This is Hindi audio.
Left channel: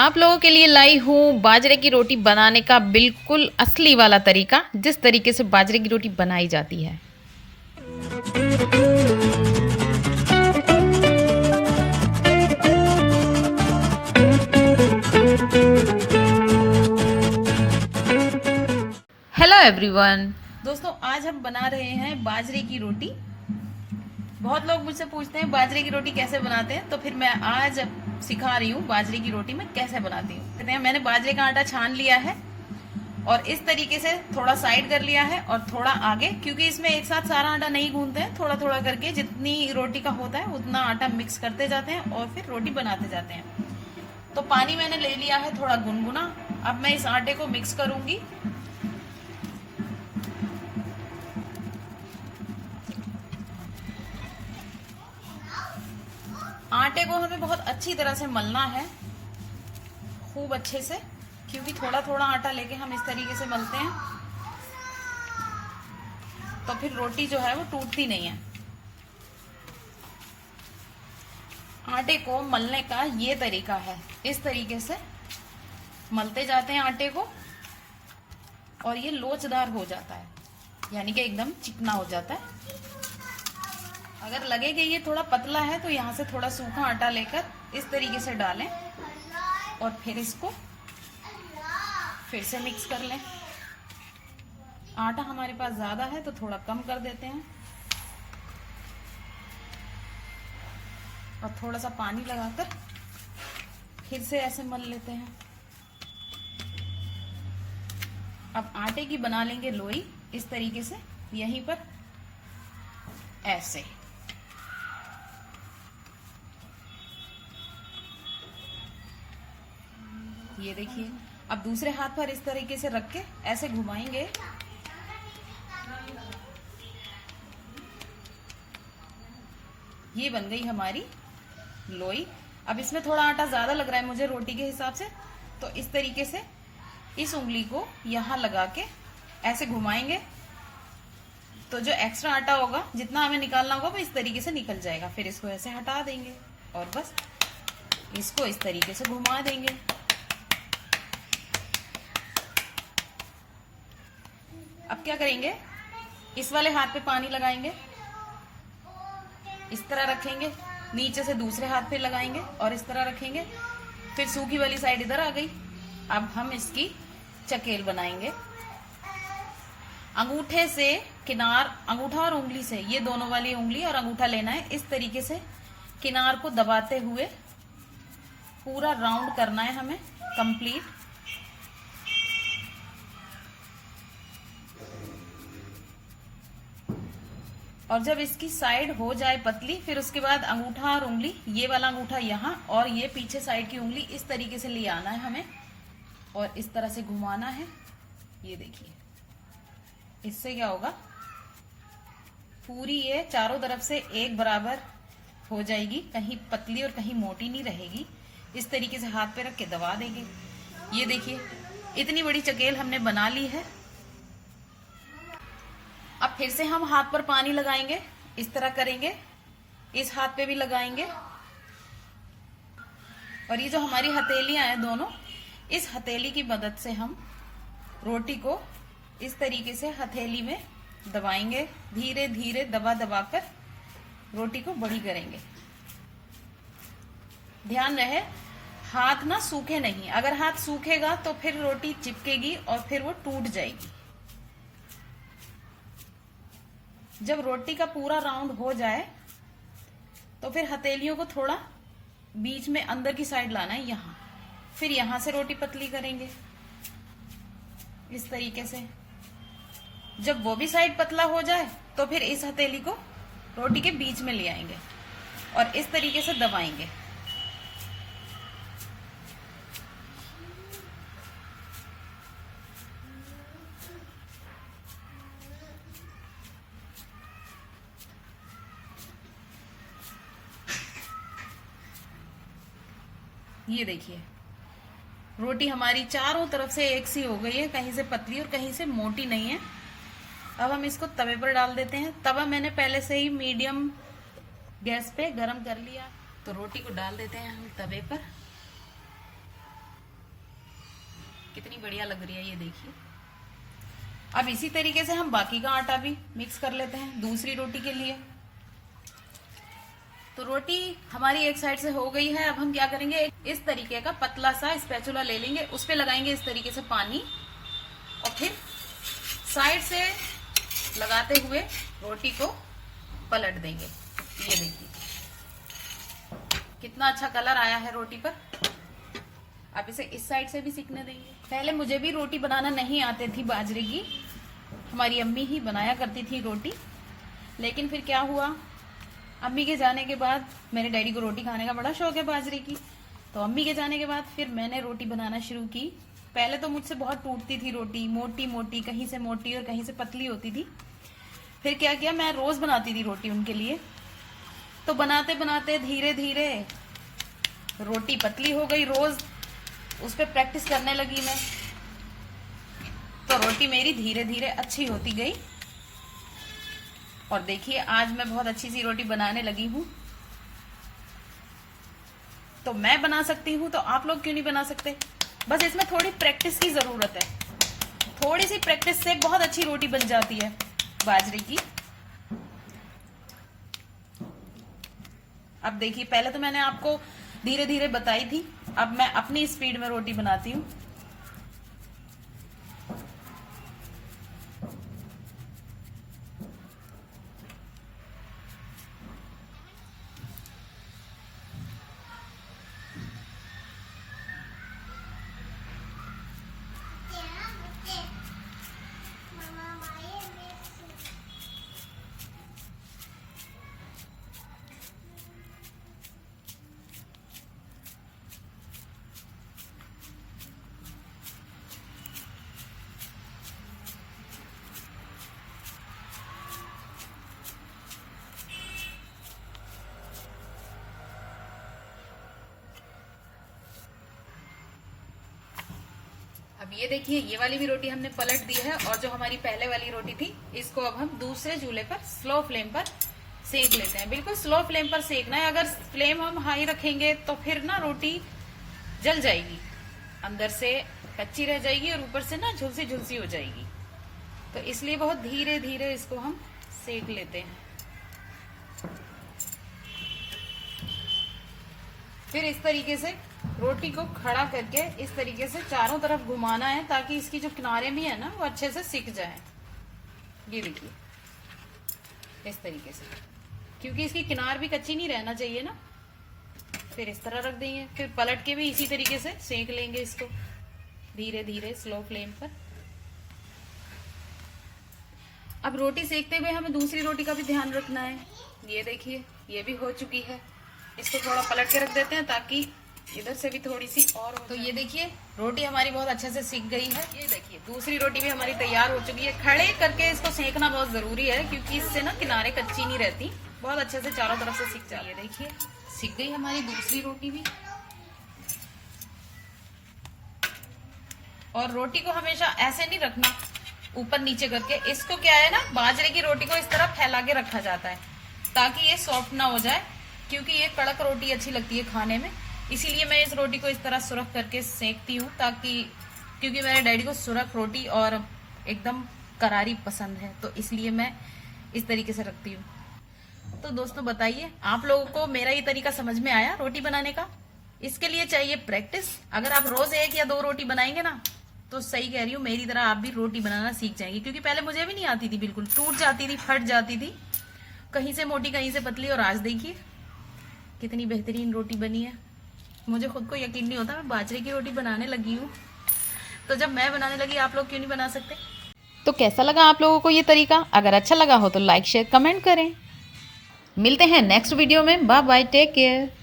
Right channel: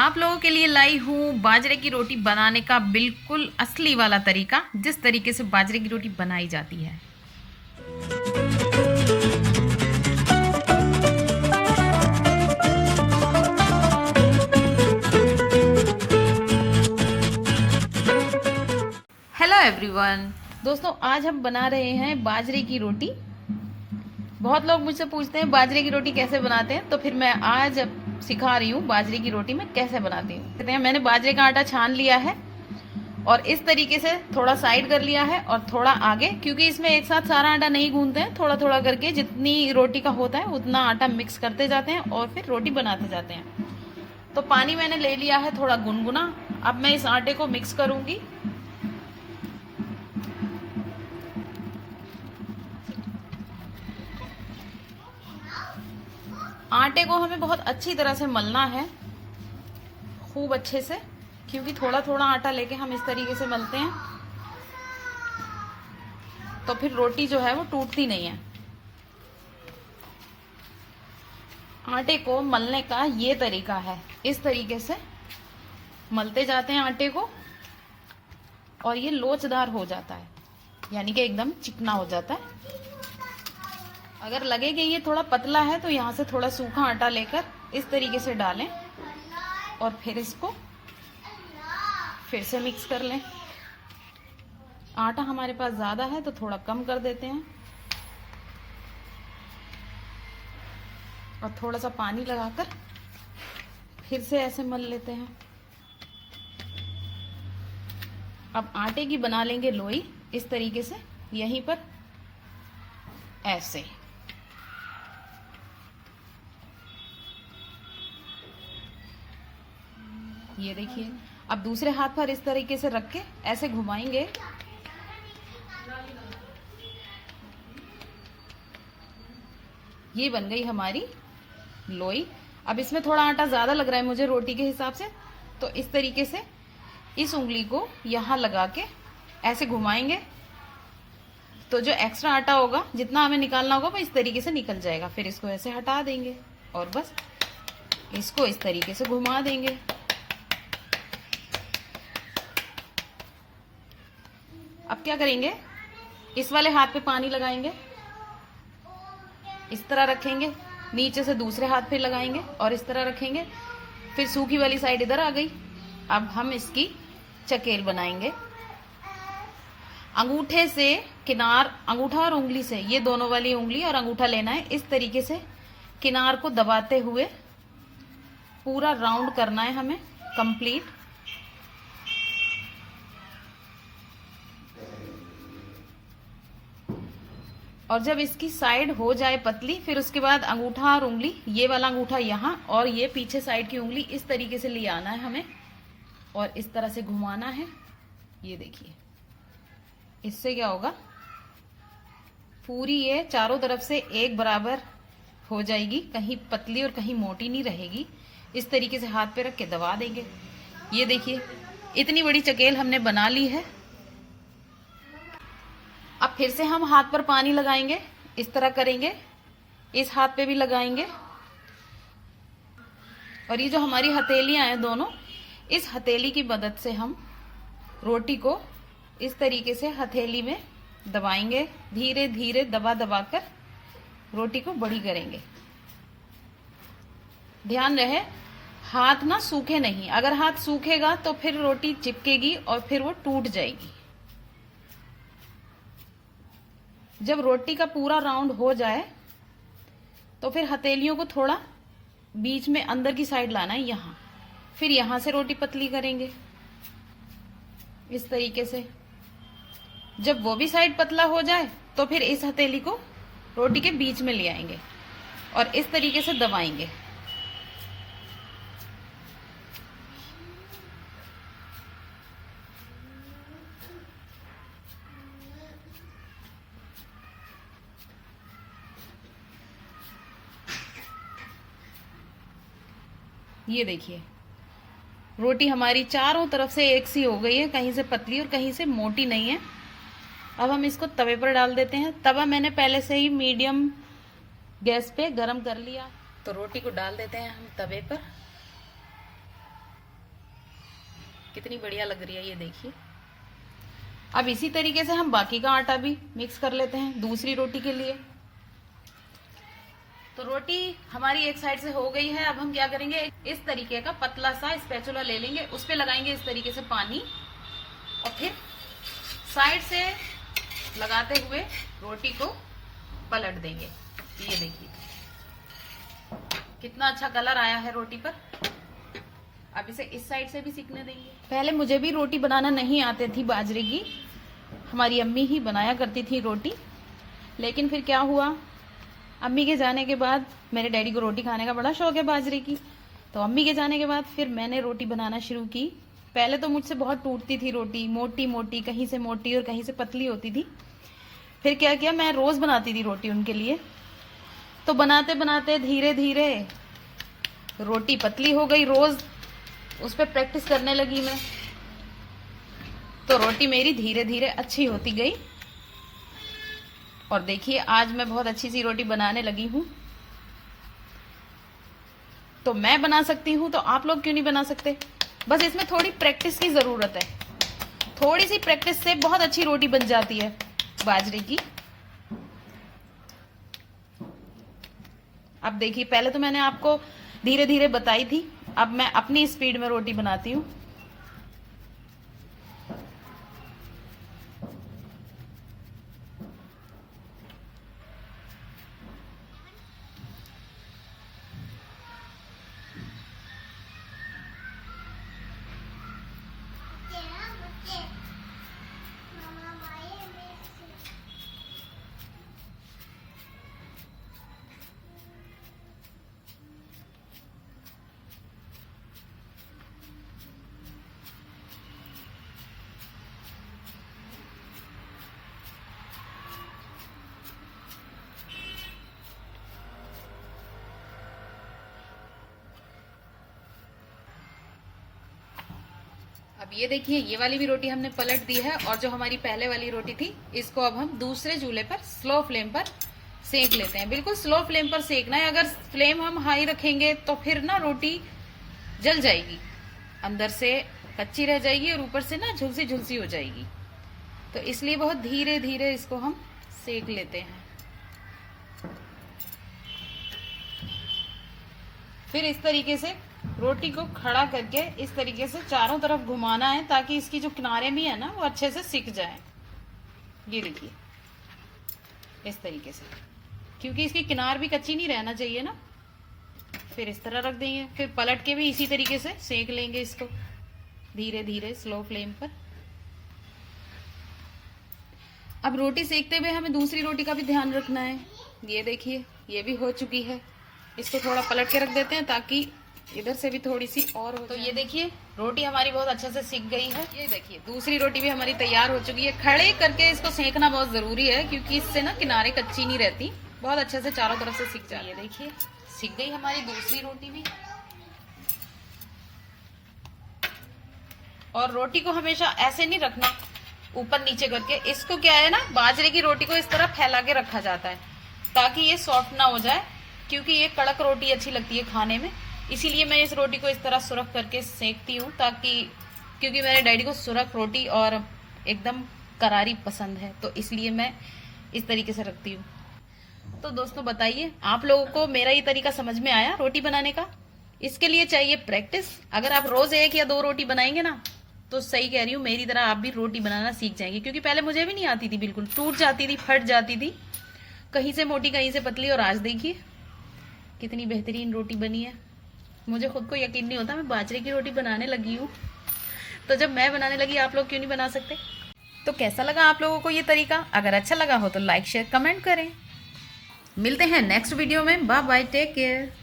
आप लोगों के लिए लाई हूँ बाजरे की रोटी बनाने का बिल्कुल असली वाला तरीका, जिस तरीके से बाजरे की रोटी बनाई जाती है। हेलो एवरीवन, दोस्तों आज हम बना रहे हैं बाजरे की रोटी। बहुत लोग मुझसे पूछते हैं बाजरे की रोटी कैसे बनाते हैं, तो फिर मैं आज सिखा रही हूँ बाजरे की रोटी मैं कैसे बनाती हूँ। कहते हैं मैंने बाजरे का आटा छान लिया है और इस तरीके से थोड़ा साइड कर लिया है और थोड़ा आगे, क्योंकि इसमें एक साथ सारा आटा नहीं गूंथते हैं, थोड़ा थोड़ा करके जितनी रोटी का होता है उतना आटा मिक्स करते जाते हैं और फिर रोटी बनाते जाते हैं। तो पानी मैंने ले लिया है थोड़ा गुनगुना। अब मैं इस आटे को मिक्स करूंगी। आटे को हमें बहुत अच्छी तरह से मलना है, खूब अच्छे से, क्योंकि थोड़ा थोड़ा आटा लेके हम इस तरीके से मलते हैं तो फिर रोटी जो है वो टूटती नहीं है। आटे को मलने का ये तरीका है, इस तरीके से मलते जाते हैं आटे को और ये लोचदार हो जाता है, यानी कि एकदम चिकना हो जाता है। अगर लगे कि ये थोड़ा पतला है तो यहाँ से थोड़ा सूखा आटा लेकर इस तरीके से डालें और फिर इसको फिर से मिक्स कर लें। आटा हमारे पास ज्यादा है तो थोड़ा कम कर देते हैं और थोड़ा सा पानी लगाकर फिर से ऐसे मल लेते हैं। अब आटे की बना लेंगे लोई इस तरीके से, यहीं पर ऐसे। ये देखिए, अब दूसरे हाथ पर इस तरीके से रख के ऐसे घुमाएंगे। ये बन गई हमारी लोई। अब इसमें थोड़ा आटा ज्यादा लग रहा है मुझे रोटी के हिसाब से, तो इस तरीके से इस उंगली को यहां लगा के ऐसे घुमाएंगे तो जो एक्स्ट्रा आटा होगा, जितना हमें निकालना होगा, वो इस तरीके से निकल जाएगा। फिर इसको ऐसे हटा देंगे और बस इसको इस तरीके से घुमा देंगे। अब क्या करेंगे, इस वाले हाथ पे पानी लगाएंगे, इस तरह रखेंगे, नीचे से दूसरे हाथ पे लगाएंगे और इस तरह रखेंगे। फिर सूखी वाली साइड इधर आ गई। अब हम इसकी चकेल बनाएंगे। अंगूठे से किनार, अंगूठा और उंगली से, ये दोनों वाली उंगली और अंगूठा लेना है, इस तरीके से किनार को दबाते हुए पूरा राउंड करना है हमें कंप्लीट। और जब इसकी साइड हो जाए पतली, फिर उसके बाद अंगूठा और उंगली, ये वाला अंगूठा यहाँ और ये पीछे साइड की उंगली इस तरीके से ले आना है हमें और इस तरह से घुमाना है। ये देखिए, इससे क्या होगा, पूरी ये चारों तरफ से एक बराबर हो जाएगी, कहीं पतली और कहीं मोटी नहीं रहेगी। इस तरीके से हाथ पे रख के दबा देंगे। ये देखिए, इतनी बड़ी चकेल हमने बना ली है। अब फिर से हम हाथ पर पानी लगाएंगे, इस तरह करेंगे, इस हाथ पे भी लगाएंगे और ये जो हमारी हथेलियां हैं दोनों, इस हथेली की मदद से हम रोटी को इस तरीके से हथेली में दबाएंगे। धीरे धीरे दबा दबा कर रोटी को बड़ी करेंगे। ध्यान रहे हाथ ना सूखे नहीं, अगर हाथ सूखेगा तो फिर रोटी चिपकेगी और फिर वो टूट जाएगी। जब रोटी का पूरा राउंड हो जाए तो फिर हथेलियों को थोड़ा बीच में अंदर की साइड लाना है, यहां, फिर यहां से रोटी पतली करेंगे इस तरीके से। जब वो भी साइड पतला हो जाए तो फिर इस हथेली को रोटी के बीच में ले आएंगे और इस तरीके से दबाएंगे। ये देखिए, रोटी हमारी चारों तरफ से एक सी हो गई है, कहीं से पतली और कहीं से मोटी नहीं है। अब हम इसको तवे पर डाल देते हैं। तवा मैंने पहले से ही मीडियम गैस पे गरम कर लिया, तो रोटी को डाल देते हैं हम तवे पर। कितनी बढ़िया लग रही है, ये देखिए। अब इसी तरीके से हम बाकी का आटा भी मिक्स कर लेते हैं दूसरी रोटी के लिए। तो रोटी हमारी एक साइड से हो गई है। अब हम क्या करेंगे, इस तरीके का पतला सा स्पैचुला ले लेंगे, उस पे लगाएंगे इस तरीके से पानी और फिर साइड से लगाते हुए रोटी को पलट देंगे। ये देखिए कितना अच्छा कलर आया है रोटी पर। अब इसे इस साइड से भी सीखने देंगे। पहले मुझे भी रोटी बनाना नहीं आती थी बाजरे की, हमारी अम्मी ही बनाया करती थी रोटी। लेकिन फिर क्या हुआ, अम्मी के जाने के बाद, मेरे डैडी को रोटी खाने का बड़ा शौक है बाजरे की, तो अम्मी के जाने के बाद फिर मैंने रोटी बनाना शुरू की। पहले तो मुझसे बहुत टूटती थी रोटी, मोटी मोटी, कहीं से मोटी और कहीं से पतली होती थी। फिर क्या किया, मैं रोज बनाती थी रोटी उनके लिए। तो बनाते बनाते धीरे धीरे रोटी पतली हो गई, रोज उस पर प्रैक्टिस करने लगी मैं, तो रोटी मेरी धीरे धीरे अच्छी होती गई। और देखिए आज मैं बहुत अच्छी सी रोटी बनाने लगी हूं। तो मैं बना सकती हूं तो आप लोग क्यों नहीं बना सकते? बस इसमें थोड़ी प्रैक्टिस की जरूरत है। थोड़ी सी प्रैक्टिस से बहुत अच्छी रोटी बन जाती है बाजरे की। अब देखिए, पहले तो मैंने आपको धीरे धीरे बताई थी, अब मैं अपनी स्पीड में रोटी बनाती हूँ। अब ये देखिए, ये वाली भी रोटी हमने पलट दी है और जो हमारी पहले वाली रोटी थी इसको अब हम दूसरे चूल्हे पर स्लो फ्लेम पर सेक लेते हैं। बिल्कुल स्लो फ्लेम पर सेकना है, अगर फ्लेम हम हाई रखेंगे तो फिर ना रोटी जल जाएगी, अंदर से कच्ची रह जाएगी और ऊपर से ना झुलसी झुलसी हो जाएगी। तो इसलिए बहुत धीरे धीरे इसको हम सेक लेते हैं। फिर इस तरीके से रोटी को खड़ा करके इस तरीके से चारों तरफ घुमाना है ताकि इसकी जो किनारे भी है ना वो अच्छे से सिक जाए। ये देखिए इस तरीके से, क्योंकि इसकी किनार भी कच्ची नहीं रहना चाहिए ना। फिर इस तरह रख देंगे, फिर पलट के भी इसी तरीके से सेक लेंगे इसको धीरे धीरे स्लो फ्लेम पर। अब रोटी सेकते हुए हमें दूसरी रोटी का भी ध्यान रखना है। ये देखिए ये भी हो चुकी है, इसको थोड़ा पलट के रख देते हैं ताकि इधर से भी थोड़ी सी और हो। तो ये देखिए रोटी हमारी बहुत अच्छे से सिक गई है। ये देखिए दूसरी रोटी भी हमारी तैयार हो चुकी है। खड़े करके इसको सेकना बहुत जरूरी है क्योंकि इससे ना किनारे कच्ची नहीं रहती, बहुत अच्छे से चारों तरफ से सिक जाए। ये देखिए सिक गई हमारी दूसरी रोटी भी। और रोटी को हमेशा ऐसे नहीं रखना ऊपर नीचे करके, इसको क्या है ना, बाजरे की रोटी को इस तरह फैला के रखा जाता है ताकि ये सॉफ्ट ना हो जाए, क्योंकि ये कड़क रोटी अच्छी लगती है खाने में। इसीलिए मैं इस रोटी को इस तरह सुरख करके सेकती हूँ, ताकि क्योंकि मेरे डैडी को सुरख रोटी और एकदम करारी पसंद है, तो इसलिए मैं इस तरीके से रखती हूँ। तो दोस्तों बताइए आप लोगों को मेरा ये तरीका समझ में आया रोटी बनाने का? इसके लिए चाहिए प्रैक्टिस। अगर आप रोज 1 या 2 रोटी बनाएंगे ना तो सही कह रही हूँ, मेरी तरह आप भी रोटी बनाना सीख जाएंगे। क्योंकि पहले मुझे भी नहीं आती थी, बिल्कुल टूट जाती थी, फट जाती थी, कहीं से मोटी कहीं से पतली। और आज देखिए कितनी बेहतरीन रोटी बनी है। मुझे खुद को यकीन नहीं होता मैं बाजरे की रोटी बनाने लगी हूँ। तो जब मैं बनाने लगी आप लोग क्यों नहीं बना सकते? तो कैसा लगा आप लोगों को ये तरीका? अगर अच्छा लगा हो तो लाइक शेयर कमेंट करें। मिलते हैं नेक्स्ट वीडियो में। Bye bye, take care.